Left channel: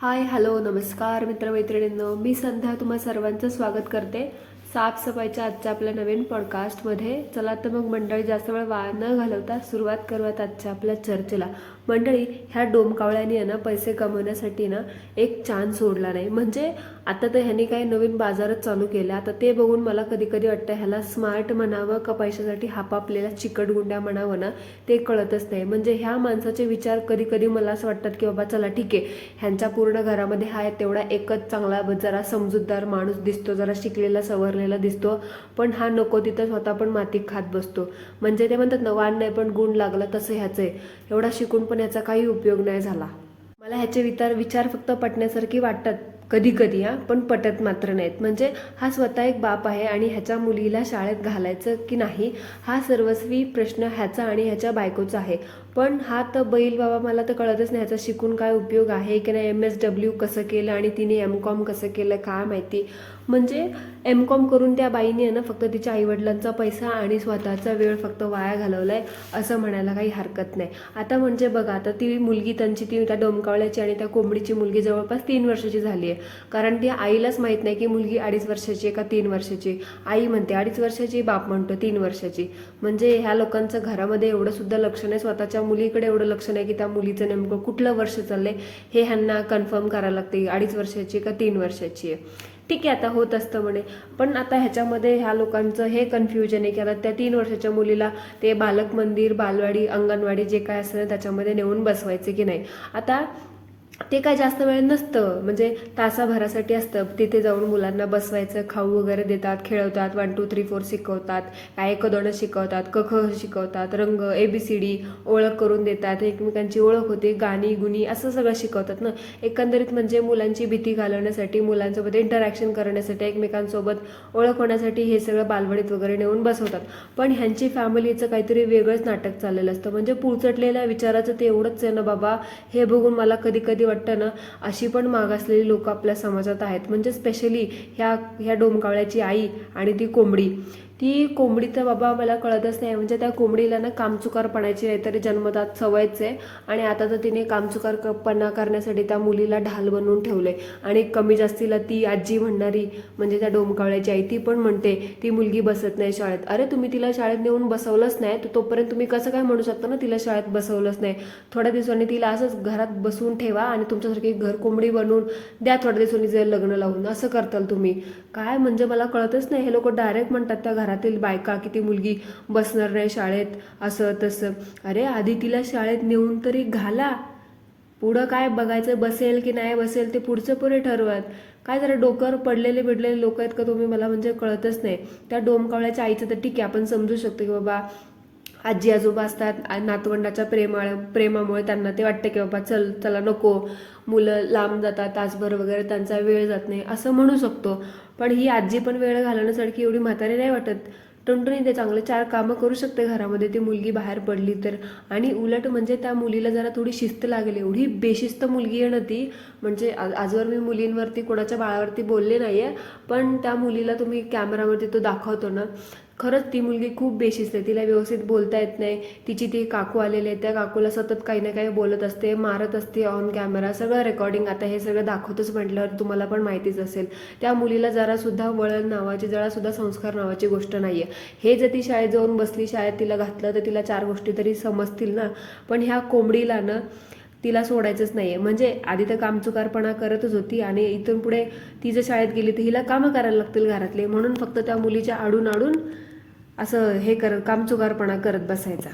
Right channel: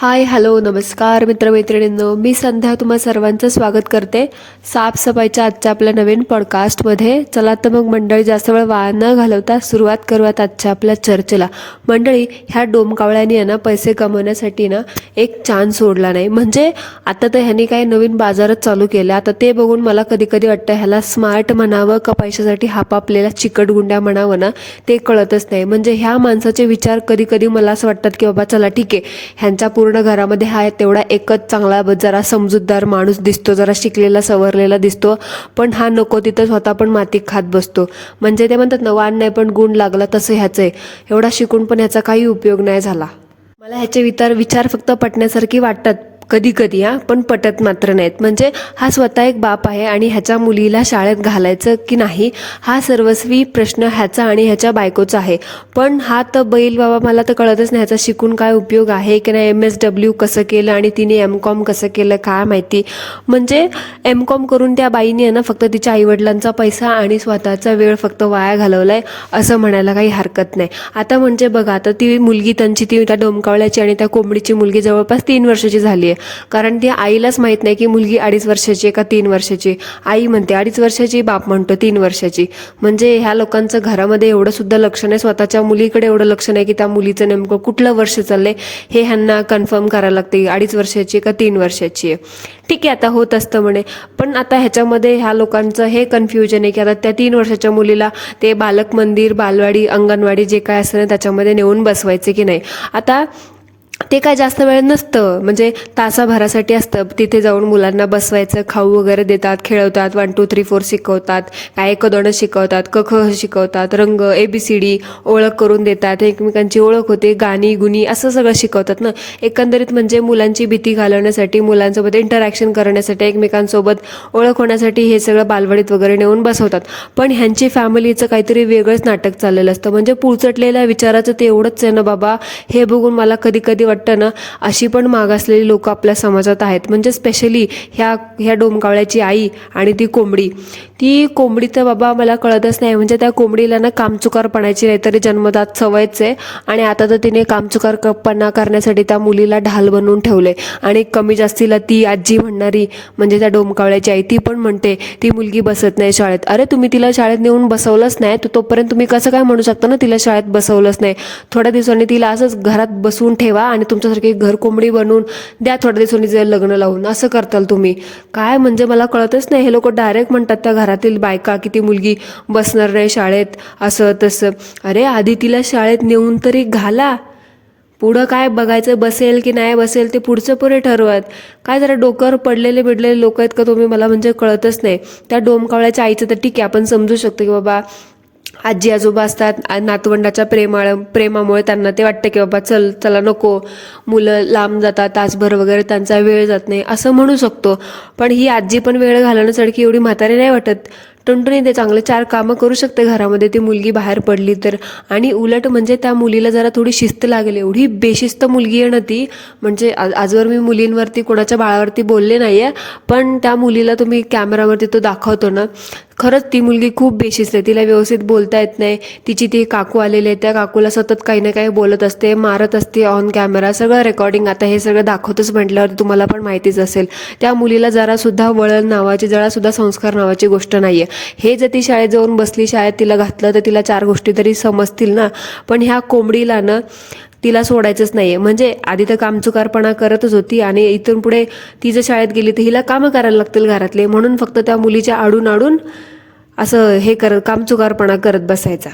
Hi hello नमस्कार मित्रमैत्रिणींनो, मी संध्या तुम्हा सर्वांचं स्वागत करते साफसफाईच्या आजच्या आपल्या नवीन पॉडकास्टमध्ये. चला तर मग मंडळी, जास्त वेळ वाया न घालवता सुरुवात करूयात आजच्या आपल्या चर्चेला. मंडळी, ह्या डोमकावळ्यांनी आहे ना पैसे कमवण्यासाठी ना एक चान्स सोडला नाही. म्हणजे आता तर ह्यांनी काही नवीन बाजारच चालू केला. आता ते बघून मला कधी कधी वाटतं ह्याला स्मार्ट म्हणावं का पैशासाठी हापापलेल्या चिकटगुंड्या म्हणावं ना, ते कळतच नाही. म्हणजे ह्या माणसाचे विचार कधी कधी मला असं वाटतात की बाबा चला ठीक आहे, ह्यांच्या पूर्ण घरामध्ये हा तेवढा एकच चांगला जरा समजूतदार माणूस दिसतो, जरा शिकलेला सवरलेला दिसतो, पण हा नको तिथं स्वतः पण माती खात बसतो. म्हणजे ते म्हणतात ना, वाण नाही पण गुण लागला, तसं ह्याचं आहे. एवढा शिकून पण ह्याचा काही उपयोग नाही झाला. मला ह्याचे विचार फक्त पटण्यासारखी वाटतात कधी कधी, पण पटत मात्र नाहीत. म्हणजे हा स्वतः एक बाप आहे आणि ह्याच्या मुलीला शाळेत घालायचं की नाही हा सर्वस्वी प्रश्न ह्याचा आणि ह्याच्या बायकोचा आहे. पण हा तर बैल बाबा, मला तर कळतच नाही ह्याचा शिकून काय उपयोग आहे की नाही. MSW कसं केलं आणि तिने MCOM कसं केलं काय माहिती. म्हणजे MCOM करून त्या बाईने आहे ना फक्त तिच्या आईवडिलांचा पैसा आणि स्वतःचा वेळ फक्त वाया घालवलाय असं म्हणायला काही हरकत नाही. आता म्हणजे बघा, आता ती मुलगी त्यांची, ती त्या डोमकावळ्याची आणि त्या कोंबडीची मुलगी जवळपास 3 वर्षाची झाली आहे. कारण ती आईलाच माहित नाही की मुलगी 2.5 वर्षाची आहे का 3 वर्षाची. आई म्हणते 2.5 वर्षाची, बाप म्हणतो 3 वर्षाची. म्हणजे ह्या लोकांचं घरामध्ये एवढं सुद्धा लक्ष नाही, स्वतःच्या मुलीकडे एवढं लक्ष नाही की त्या मुलीचं नेमकं कुठलं वर्ष चाललंय हे ह्यांना कन्फर्म करायला लागते, 2.5 वर्षाची का 3 वर्षाची आहे. ठीक आहे, आता होत असतं म्हणे. पण आता ह्याच्यामध्ये ह्या लोकांचं हे कन्फ्युजन आहे की आता त्या 3 वर्षाच्या मुलीला ते बालक मंदिर, बालवाडी, अंगणवाडी जे काय असतं ना त्याच्यामध्ये नेऊन बसवायचे की नाही. आता ते काय जास्त वेळ नसतं, म्हणजे तासाभरासाठी असतं. तिथे जाऊन मुलांना बसवायचं, खाऊ वगैरे देतात, खेळवतात, 1 2 3 4 शिकवतात, काय 1 2 शिकवतात, क ख शिकवतात, रंग ABCD ओळख करून देतात, एकमेकांची ओळख होते, गाणी गुणी असं सगळं शिकवतात ना. एकंदरीत म्हणजे मुलांची भीती घालवण्यासाठी, मुलांसोबत इंटरॅक्शन करण्यासाठी, एकमेकांसोबत ओळख होण्यासाठी हे सगळं बालवाडीत वगैरे नेऊन बसवतात. पण ह्यांची फॅमिलीचं काहीतरी वेगळंच नाटक चाललेलं असतं. म्हणजे पुरचटलेल्या विचाराचं ते एवढंच आहे ना बाबा, हे बघून मला कधी कधी वाटतं ना, अशी पण मागासलेली लोक आपल्या समाजात आहेत. म्हणजे स्पेशली ह्या डोमकावळ्याची आई आणि ती कोंबडी तर बाबा मला कळतच नाही. म्हणजे त्या कोंबडीला ना कामचुकारपणाची नाहीतरी जन्मदात सवयच आहे. आणि आता तर तिने कामचुकारपणा करण्यासाठी त्या मुलीला ढाल बनवून ठेवले. आणि कमी जास्तीला ती आजी म्हणणारी, म्हणजे त्या डोमकावळ्याची आई, ती पण म्हणते ती मुलगी बसत नाही शाळेत. अरे तुम्ही तिला शाळेत नेऊन बसवलंच नाही, तोपर्यंत तुम्ही कसं काय म्हणू शकता ना तिला शाळेत बसवलंच नाही. थोड्या दिवसांनी तिला असंच घरात बसवून ठेवा आणि तुमच्यासारखी घर कोंबडी बनवून द्या, थोड्या दिवसांनी जे लग्न लावून. असं करताल तुम्ही काय? म्हणजे मला कळतच नाही. हे लोक डायरेक्ट म्हणतात त्या घरातील बायका की ती मुलगी बसणार नाही शाळेत, असं तसं. अरे आधी तिला शाळेत नेऊन तरी घाला, पुढं काय बघायचं, बसेल की नाही बसेल ते पुढचं पुढे ठरवत. काय जरा डोक्यावर पडलेले बिडलेले लोक आहेत का तुम्ही? मला म्हणजे कळतच नाही. त्या डोमकावळ्याच्या आईचं तर ठीक आहे, आपण समजू शकतो की बाबा आजी आजोबा असतात, नातवंडाच्या प्रेमामुळे त्यांना ते वाटतं की बाबा चला नको, मुलं लांब जातात तासभर वगैरे, त्यांचा वेळ जात नाही असं म्हणू शकतो. पण ही आजी पण वेळ घालवण्यासाठी एवढी म्हातारी नाही वाटत. टुनटुनी ते चांगले 4 कामं करू शकते घरामध्ये, ती मुलगी बाहेर पडली तर. आणि उलट म्हणजे त्या मुलीला जरा थोडी शिस्त लागेल. एवढी बेशिस्त मुलगी आहे ना ती. म्हणजे आजवर मी मुलींवरती, कोणाच्या बाळावरती बोलले नाही आहे, पण त्या मुलीला तुम्ही कॅमेरावरती तो दाखवतो ना, खरंच ती मुलगी खूप बेशिस्त आहे. तिला व्यवस्थित बोलता येत नाही. तिची ती काकू आलेले आहे, त्या काकूला सतत काही ना काही बोलत असते, मारत असते ऑन कॅमेरा, सगळं रेकॉर्डिंग. आता हे सगळं दाखवतच म्हटल्यावर तुम्हाला पण माहितीच असेल. त्या मुलीला जरासुद्धा वळण नावाची, जरासुद्धा संस्कार नावाची गोष्ट नाही आहे. हे जर ती शाळेत जाऊन बसली, शाळेत तिला घातलं तर तिला 4 गोष्टी तरी समजतील ना. पण ह्या कोंबडीला ना तिला सोडायचंच नाहीये. म्हणजे आधी तर कामचुकारपणा करतच होती आणि इथून पुढे ती जर शाळेत गेली तर हिला कामं करायला लागतील घरातले, म्हणून फक्त त्या मुलीच्या आडून असं हे कामचुकारपणा करत बसायचा.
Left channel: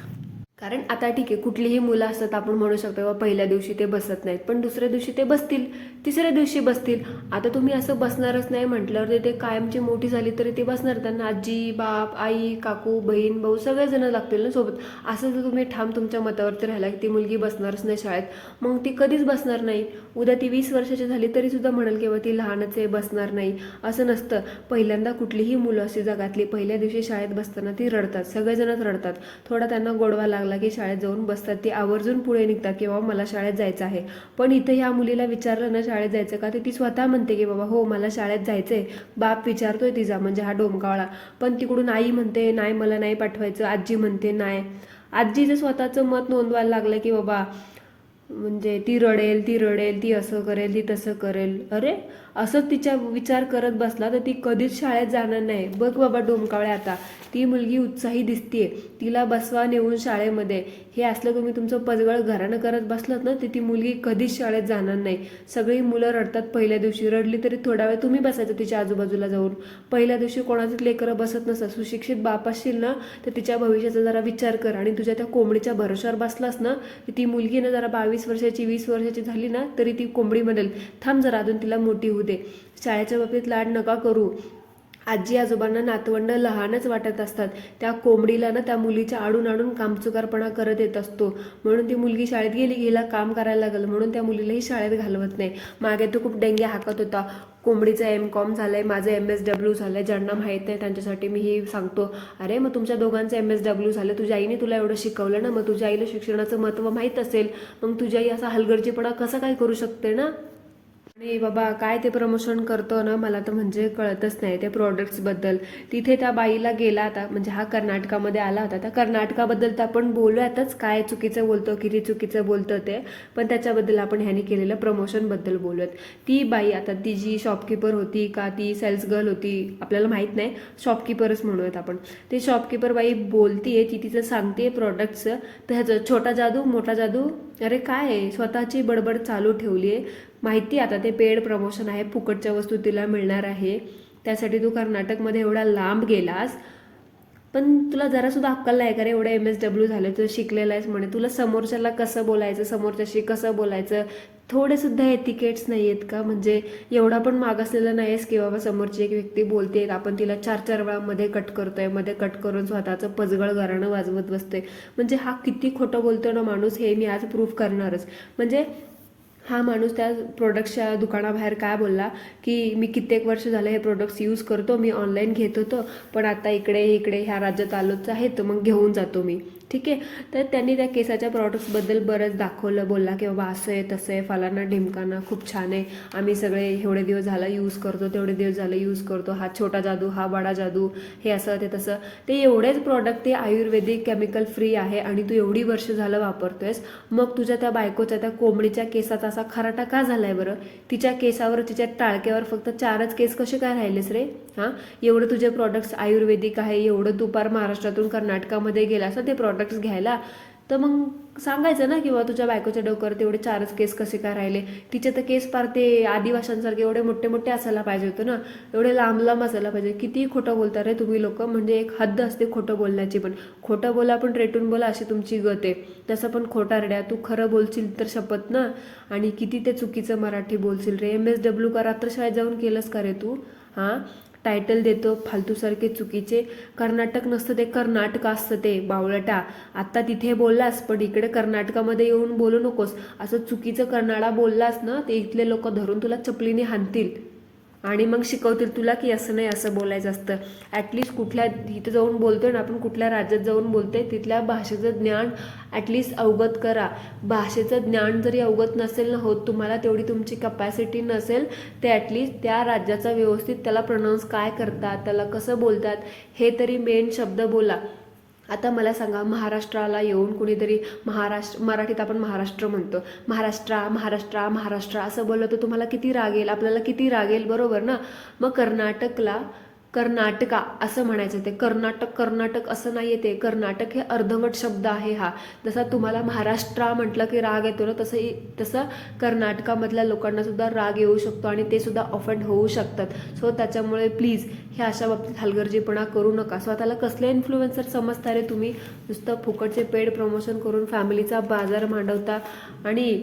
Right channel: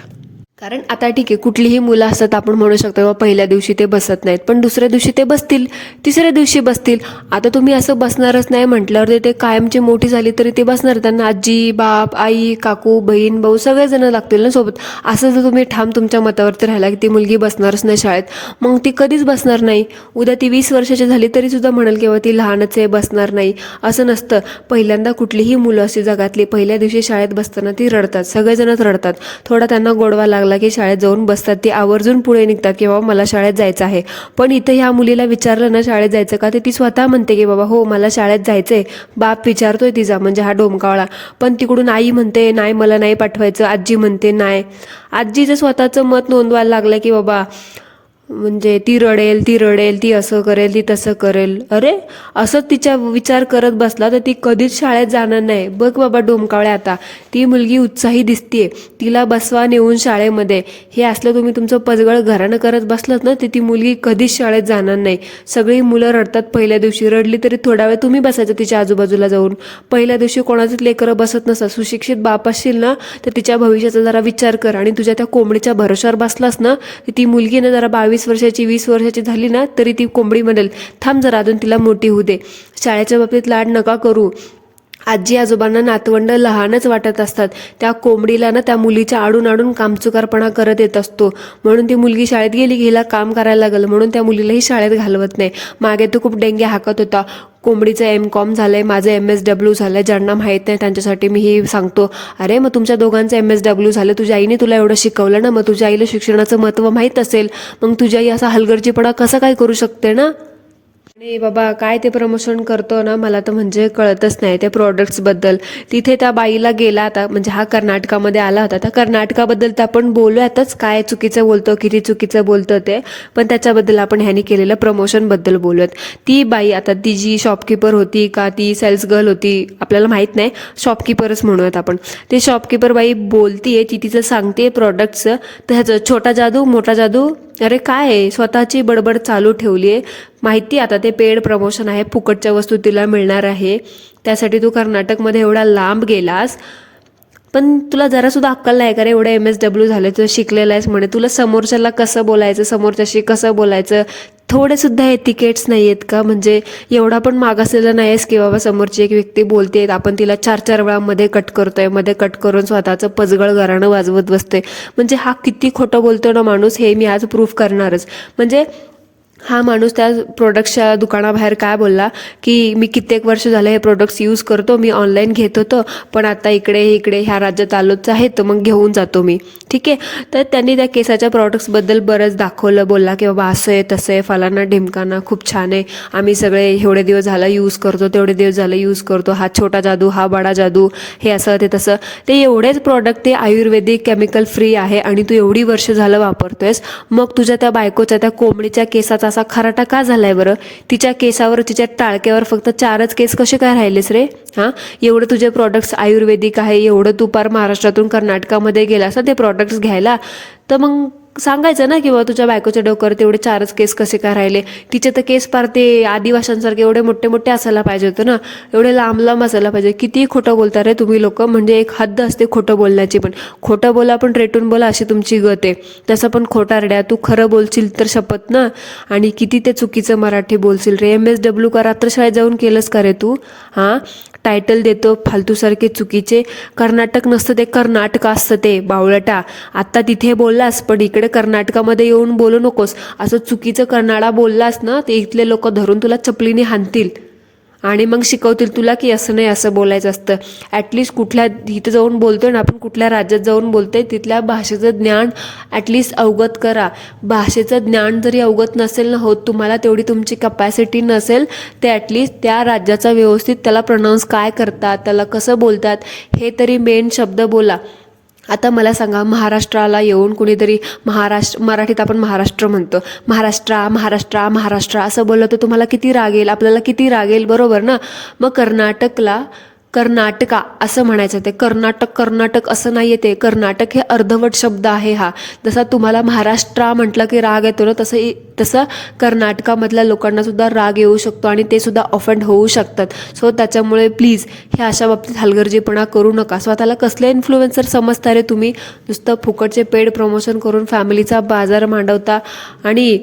कारण आता ठीक आहे, कुठलीही मुलं असतात, आपण म्हणू शकतो पहिल्या दिवशी ते बसत नाहीत, पण दुसऱ्या दिवशी ते बसतील, तिसऱ्या दिवशी बसतील. आता तुम्ही असं बसणारच नाही म्हटल्यावर ते कायमची मोठी झाली तरी ते बसणार. त्यांना आजी, बाप, आई, काकू, बहीण, भाऊ सगळेजण लागतील ना सोबत. असं जर तुम्ही ठाम तुमच्या मतावरती राहिला की ती मुलगी बसणारच नाही शाळेत, मग ती कधीच बसणार नाही. उद्या ती 20 वर्षाची झाली तरी सुद्धा म्हणाल किंवा ती लहानच आहे, बसणार नाही. असं नसतं. पहिल्यांदा कुठलीही मुलं अशी जगातली पहिल्या दिवशी शाळेत बसताना ती रडतात, सगळेजणच रडतात. थोडा त्यांना गोडवा लागला की शाळेत जाऊन बसतात, ती आवर्जून पुढे निघतात की बाबा मला शाळेत जायचं आहे. पण इथं ह्या मुलीला विचारलं ना शाळेत जायचं का, ते ती स्वतः म्हणते की बाबा हो मला शाळेत जायचंय. बाप विचारतोय तिचा, म्हणजे हा डोमकावळा. पण तिकडून आई म्हणते नाही मला नाही पाठवायचं, आजी म्हणते नाही. आजीचं स्वतःचं मत नोंदवायला लागलं की बाबा म्हणजे ती रडेल, ती रडेल, ती असं करेल, ती तसं करेल. अरे असंच तिच्या विचार करत बसला तर ती कधीच शाळेत जाणार नाही. बघ बाबा डोमकावळ्या, आता ती मुलगी उत्साही दिसतीये, तिला बसवा नेऊन शाळेमध्ये. हे असलं तुम्ही तुमचं पजगळ घरानं करत बसलात ना तर ती मुलगी कधीच शाळेत जाणार नाही. सगळी मुलं रडतात पहिल्या दिवशी, रडली तरी थोडा वेळ तुम्ही बसायचं तिच्या आजूबाजूला जाऊन. पहिल्या दिवशी कोणाचंच लेकरं बसत नसतात. सुशिक्षित बाप असशील ना तर तिच्या भविष्याचा जरा विचार कर. आणि तुझ्या त्या कोंबडीच्या भरोशावर बसलास ना तर ती मुलगी ना जरा 22 वर्षाची 20 वर्षाची झाली ना तरी ती कोंबडी म्हणेल थांब जरा अजून तिला मोठी होऊ दे. शाळेच्या बाबतीत लाड नका करू. आजी आजोबांना नातवंड लहानच वाटत असतात. त्या कोंबडीला ना त्या मुलीच्या आडून आडून कामचुकारपणा करत येत असतो. म्हणून ती मुलगी शाळेत गेली की हिला काम करायला लागलं म्हणून त्या मुलीलाही शाळेत घालवत नाही. मागे तो खूप डेंगे हाकत होता, कोंबडीचं MCOM झालंय, माझं MSW झालंय. ज्यांना माहीत नाही त्यांच्यासाठी मी ही सांगतो. अरे मग तुमच्या दोघांचं MSW झालं, तुझ्या आईने तुला एवढं शिकवलं ना, मग तुझ्या आईला शिक्षणाचं महत्त्व माहीत असेल. मग तुझ्या आई असा हलगर्जीपणा कसा काय करू शकते ना. नाही बाबा, काय ते प्रमोशन करतो ना मला तर म्हणजे कळतच नाही त्या प्रोडक्ट्सबद्दल. तिथे त्या बाईला गेला आता, म्हणजे हा कर्नाटकामध्ये आला होता. त्या कर्नाटकाबद्दल तर आपण बोलूयातच, काय चुकीचं बोलतो किती चुकीचं बोलतं ते, पण त्याच्याबद्दल आपण ह्यानी केलेलं प्रमोशनबद्दल बोलूयात. ती बाई आता ती जी शॉपकीपर होती का ती सेल्स गर्ल होती आपल्याला माहीत नाही, शॉपकीपरच म्हणूयात आपण. ते शॉपकीपर बाई बोलतीये, ती तिचं सांगते प्रोडक्टचं. तर ह्याचं छोटा जादू मोठा जादू, अरे काय आहे, स्वतःची बडबड चालू ठेवली आहे. माहिती आता ते पेड प्रमोशन आहे, फुकटच्या वस्तू तिला मिळणार आहे, त्यासाठी तू कर्नाटकमध्ये एवढा लांब गेलास. पण तुला जरासुद्धा अक्कल नाही का रे, एवढं MSW झालं, तुला शिकलेलं आहेस म्हणे, तुला समोरच्याला कसं बोलायचं, समोरच्याशी कसं बोलायचं थोडे सुद्धा एथिकेट्स नाही आहेत का. म्हणजे एवढा पण मागासलेला नाही आहेस की बाबा समोरची एक व्यक्ती बोलते आपण तिला 4-4 वेळा मध्ये कट करतोय, मध्ये कट करून स्वतःचं पजगळ घराणं वाजवत बसतोय. म्हणजे हा किती खोटं बोलतो ना माणूस, हे मी आज प्रूफ करणारच. म्हणजे हा माणूस त्या प्रोडक्ट्सच्या दुकानाबाहेर काय बोलला की मी कित्येक वर्ष झालं हे प्रोडक्ट्स यूज करतो, मी ऑनलाईन घेत होतो, पण आता इकडे इकडे ह्या राज्यात आलोच आहे तर मग घेऊन जातो मी. ठीक आहे, तर त्यांनी त्या केसाच्या प्रॉडक्ट्सबद्दल बरंच दाखवलं, बोलला की बाबा असं आहे तसं आहे, फलाना ढिमकाना खूप छान आहे, आम्ही सगळे एवढे दिवस झालं यूज करतो, तेवढे दिवस झालं यूज करतो, हा छोटा जादू हा बडा जादू, हे असं ते तसं. ते एवढेच प्रॉडक्ट ते आयुर्वेदिक केमिकल फ्री आहे आणि तू एवढी वर्ष झालं वापरतोयस, मग तुझ्या त्या बायकोच्या त्या कोंबडीच्या केसाचा असा खराटा का झालाय बरं. तिच्या केसावर तिच्या टाळक्यावर फक्त 4च केस कसे काय राहिलेस रे. हां, एवढं तुझे प्रॉडक्ट्स आयुर्वेदिक आहे, एवढं तू पार महाराष्ट्रातून कर्नाटकामध्ये गेलास ना ते प्रॉडक्ट्स घ्यायला, तर मग सांगायचं ना की बाबा तुझ्या बायकोच्या डोक्यावर तेवढे 4च केस कसे काय राहिले. तिचे तर केस पार ते आदिवाशांसारखे एवढे मोठे मोठे असायला पाहिजे होतं ना, एवढे लांब लांब असायला पाहिजे. किती खोटं बोलता रे तुम्ही लोक, म्हणजे एक हद्द असते खोटं बोलण्याची पण. खोटं बोला पण रेटून बोला अशी तुमची गत आहे. तसं पण खोटारड्या, तू खरं बोलशील तर शपथ ना, आणि किती ते चुकीचं मराठी बोलशील रे. MSW का रात्रशाळेत जाऊन केलंस का रे तू. हां, टायटल देतो फालतूसारखे चुकीचे. कर्नाटक नसतं ते कर्नाटक असतं ते बावळटा. आत्ता तिथे बोललास पण इकडे कर्नाटकामध्ये येऊन बोलू नकोस. असं चुकीचं कर्नाडा बोललास ना ते इथले लोक धरून तुला चपलीने हाणतील आणि मग शिकवतील तुला की असं नाही असं बोलायचं असतं. ॲटलिस्ट कुठल्या इथं जाऊन बोलतोय ना आपण, कुठल्या राज्यात जाऊन बोलतोय तिथल्या भाषेचं ज्ञान ॲटलिस्ट अवगत करा. भाषेचं ज्ञान जरी अवगत नसेल ना होत तुम्हाला, तेवढी तुमची कपॅसिटी नसेल, ते ॲटलिस्ट त्या राज्याचा व्यवस्थित त्याला प्रोनाऊन्स काय करतात, त्याला कसं बोलतात हे तरी मेन शब्द बोला. आता मला सांगा, महाराष्ट्राला येऊन कुणीतरी मराठीत आपण महाराष्ट्र म्हणतो, महाराष्ट्रा महाराष्ट्रा महाराष्ट्र असं बोललं तर तुम्हाला किती राग येईल, आपल्याला किती राग येईल, बरोबर ना. मग कर्नाटकला कर्नाटका असं म्हणायचं, ते कर्नाटक असं नाही आहे. ते कर्नाटक हे अर्धवट शब्द आहे हा. जसा तुम्हाला महाराष्ट्र म्हटलं की राग येतो ना, तसं कर्नाटकामधल्या लोकांना सुद्धा राग येऊ शकतो आणि ते सुद्धा ऑफेंड होऊ शकतात. सो त्याच्यामुळे प्लीज हे अशा बाबतीत हलगर्जीपणा करू नका. स्वतःला कसले इन्फ्लुएन्सर समजता रे तुम्ही. नुसतं फुकटचे पेड प्रमोशन करून फॅमिलीचा बाजार मांडवता. आणि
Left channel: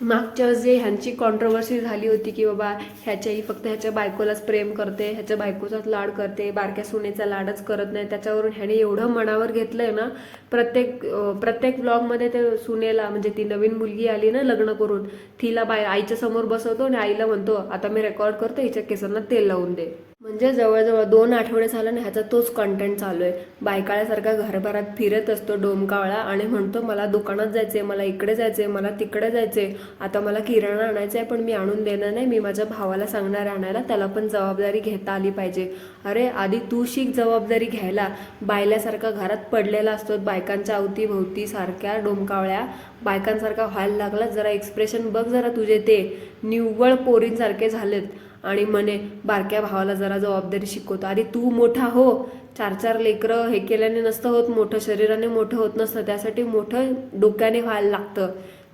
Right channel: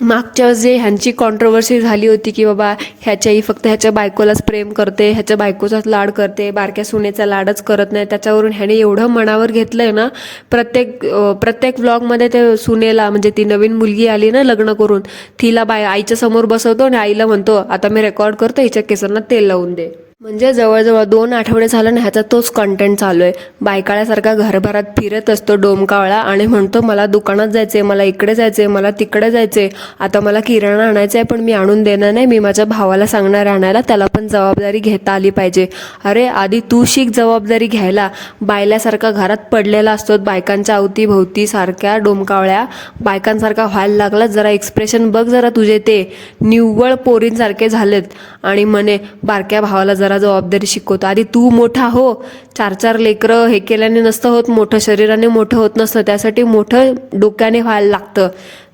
मागच्या जे ह्यांची कॉन्ट्रोवर्सी झाली होती की बाबा ह्याच्याही फक्त ह्याच्या बायकोलाच प्रेम करते, ह्याच्या बायकोचाच लाड करते, बारक्या सुनेचा लाडच करत नाही, त्याच्यावरून ह्याने एवढं मनावर घेतलंय ना. प्रत्येक व्लॉगमध्ये ते सुनेला, म्हणजे ती नवीन मुलगी आली ना लग्न करून, तिला आईच्या समोर बसवतो आणि आईला म्हणतो आता मी रेकॉर्ड करतो, हिच्या केसांना तेल लावून दे. म्हणजे जवळजवळ 2 आठवडे झालं ना ह्याचा तोच कंटेंट चालू आहे. बायकाळ्यासारखा घरभरात फिरत असतो डोमकावळा आणि म्हणतो मला दुकानात जायचंय, मला इकडे जायचंय, मला तिकडे जायचंय, आता मला किराणा आणायचा आहे पण मी आणून देणार नाही, मी माझ्या भावाला सांगणार आणायला, त्याला पण जबाबदारी घेता आली पाहिजे. अरे आधी तू शिक जबाबदारी घ्यायला. बायल्यासारखा घरात पडलेला असतो, बायकांच्या अवतीभोवती सारख्या डोमकावळ्या बायकांसारखा व्हायला लागला. जरा एक्सप्रेशन बघ जरा तुझे, ते निव्वळ पोरींसारखे झालेत. आणि म्हणे बारक्या भावाला जरा जबाबदारी शिकवतो. आधी तू मोठा हो. 4 4 लेकरं हे केल्याने नसतं होत मोठं, शरीराने मोठं होत नसतं, त्यासाठी मोठं डोक्याने व्हायला लागतं.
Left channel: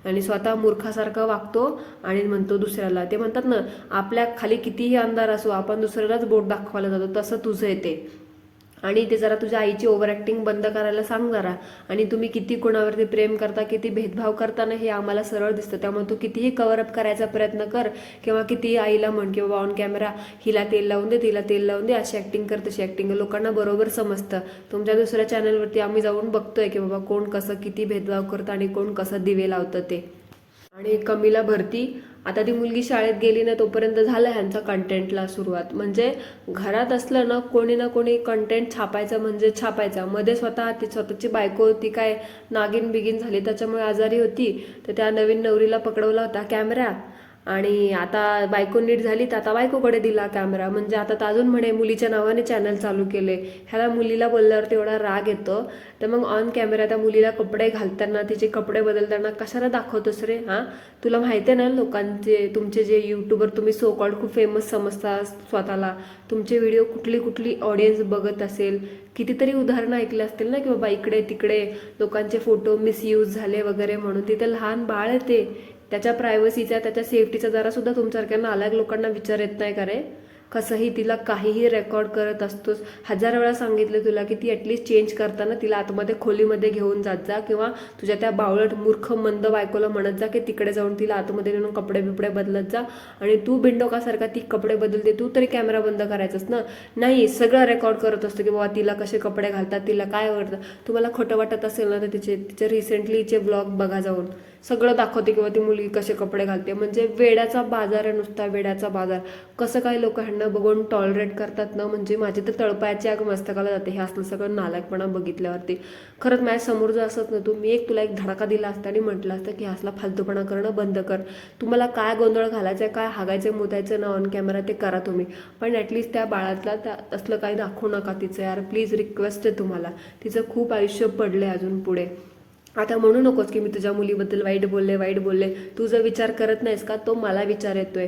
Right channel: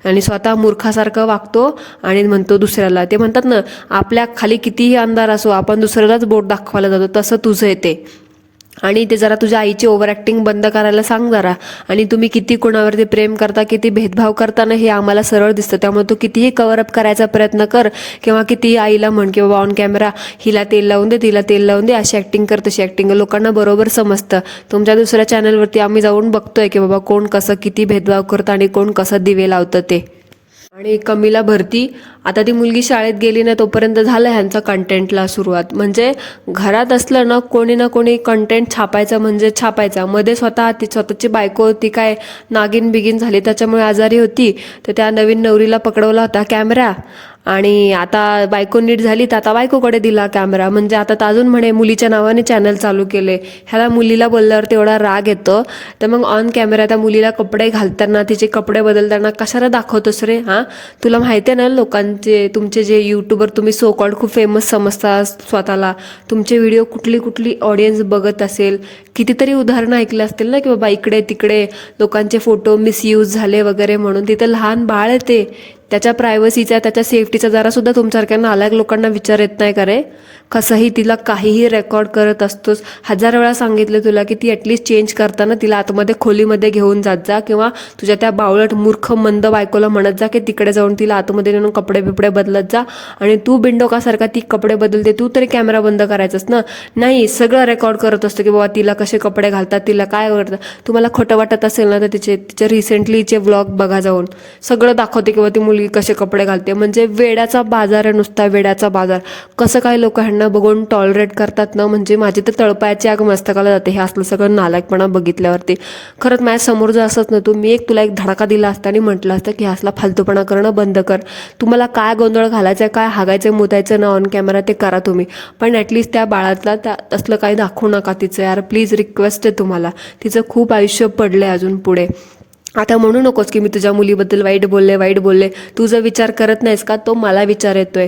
आणि स्वतः मूर्खासारखं वागतो आणि म्हणतो दुसऱ्याला. ते म्हणतात ना, आपल्या खाली कितीही अंधार असो आपण दुसऱ्यालाच बोट दाखवायला जातो, तसं तुझं येते. आणि ते जरा तुझ्या आईची ओव्हर ॲक्टिंग बंद करायला सांग जरा. आणि तुम्ही किती कोणावरती प्रेम करता, किती भेदभाव करता ना, हे आम्हाला सरळ दिसतं. त्यामुळे तू कितीही कव्हरअप करायचा प्रयत्न कर किंवा कितीही आईला म्हण की बाबा ऑन कॅमेरा हिला तेल लावून दे, तिला तेल लावून दे, अशी ॲक्टिंग कर तशी ॲक्टिंग. लोकांना बरोबर समजतं. तुमच्या दुसऱ्या चॅनलवरती आम्ही जाऊन बघतोय की बाबा कोण कसं किती भेदभाव करतं आणि कोण कसं दिवे लावतं ते. आणि कमीला भरती, आता ती मुलगी शाळेत गेली ना तोपर्यंत झालं ह्यांचं कंटेंटला सुरुवात. म्हणजे घरात असलं ना कोणी कंटेंट छापायचं म्हणजे छापायचा. मध्ये ती स्वतःची बायको होती काय नागिन बिगीन झाली, त्याच्यामुळे आजारी होती, तर त्या नवीन नवरीला पकडवला होता कॅमेरा. आणि आता बायको नीट झाली तर आता बायकोकडे दिला कॅमेरा. म्हणजे आता तर अजून म्हणे मुलीच्या नावाने चॅनल चालू केले. ह्याला मुलीला बोलल्यावर तेवढा राग येतो, तर मग ऑन कॅमेरा त्या मुलीला कपडे घालताना, तिचे कपडे बदलताना कशाला दाखवतोस रे? हां, तुला माहिती आहे ना लोकांचे, तुमचे जे यूट्यूबर तुम्ही सो कॉल्ड खूप फेमस समजता स्वतःला, तुमचे व्हिडिओ कुठली कुठली ऑडियन्स बघत असेल. कितीतरी उदाहरणं ऐकले असतील ना की बाबा इकडे तिकडे लोकांचे फोटो मिसयूज झाले वगैरे म्हणून. तिथं लहान बाळ येते, त्याच्या प्रायव्हसीचा त्याच्या सेफ्टीचा जरासुद्धा तुमच्यासारख्या नालायक लोकांना विचार येत नाही का रे? कसंही तिला काहीही रेकॉर्ड करत असतोस. 1000 वेळा सांगितलं तुला की ती ॲटलिस्ट चेंज करताना तिला आतमध्ये खोलीमध्ये घेऊन जात जा, किंवा तुझ्या त्या बावळट मूर्ख मंद बायकोला म्हणत जा की तिकडे जाऊन तिला आतमध्ये नेऊन कपडे बिपडे बदलत जा. आणि तू बिंडोकासारखा ती कपडे बदलते, तू तरी कॅमेरा बंद करायचास ना. नाही, सगळं रेकॉर्ड करत असतो की बाबा तिला कसे कपडे घालतात, तिला काय करतात. तुम्हाला खोटं वाटत असेल ना तर तिचे रिसेंटलीचे व्लॉग बघा जाऊन. सगळं दाखवते की ती मुलगी कसे कपडे घालते. म्हणजे वेड्याचा बाजार आहे नुसता, वेड्याचा बाजार. कसं काय लोक ह्यांना बघून टॉलरेट करतात ना, म्हणजे माझी तर तळपायाची आग मस्तकाला जाते हे असलं सगळं नालायकपणा बघितल्यावरती. खरंच माझ्या समोर जर असंच ना, मी तुला एक धडाका दिला असता आणि म्हटलं असतं की असला फालतूपणा करणं बंद कर. तुम्हाला काय गोंधळ घालायचं आहे, काय हागायचं मुतायचं ना ऑन कॅमेरा ते करा तुम्ही, पण ॲटलिस्ट त्या बाळातला असलं काही दाखवू नका तिचं. यार प्लीज रिक्वेस्ट आहे तुम्हाला. तिचं खूप आयुष्य पडलंय अजून पुढे. आता म्हणू नकोस की मी तुझ्या मुलीबद्दल वाईट बोलले. तू जर विचार करत नाहीस का, तो मला विचार येतोय.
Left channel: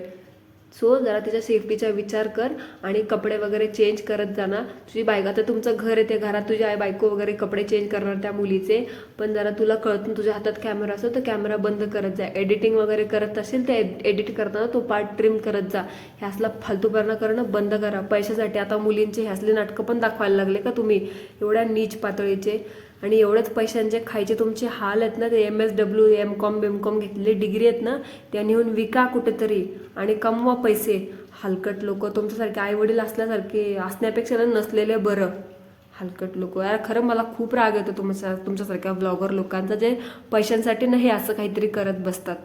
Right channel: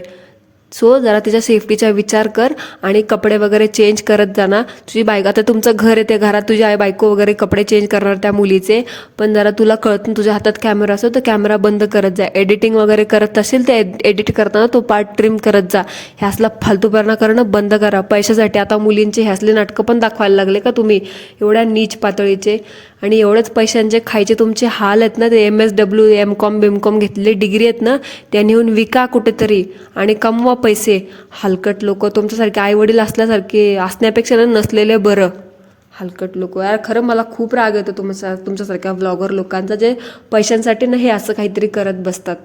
सो जरा तिच्या सेफ्टीचा विचार कर आणि कपडे वगैरे चेंज करत जाणार. तुझी बायको, आता तुमचं घर आहे, ते घरात तुझी आई बायको वगैरे कपडे चेंज करणार त्या मुलीचे, पण जरा तुला कळत तुझ्या हातात कॅमेरा असतो तर कॅमेरा बंद करत जा. एडिटिंग वगैरे करत असेल ते एडिट करताना तो पार्ट ट्रिम करत जा. हे असला फालतूपणा करणं बंद करा पैशासाठी. आता मुलींचे हे असले नाटकं पण दाखवायला लागले का तुम्ही, एवढ्या नीच पातळीचे. आणि एवढंच पैशांचे खायचे तुमचे हाल आहेत ना, ते MSW MCOM बिमकॉम घेतलेली डिग्री आहेत ना, त्या नेऊन विका कुठेतरी आणि कमवा पैसे. हलकट लोक तुमच्यासारखे आईवडील असल्यासारखे असण्यापेक्षा नसलेले बरं. हलकट लोक यार, खरं मला खूप राग येतो तुमच्यासारख्या व्लॉगर लोकांचा, जे पैशांसाठी नाही असं काहीतरी करत बसतात.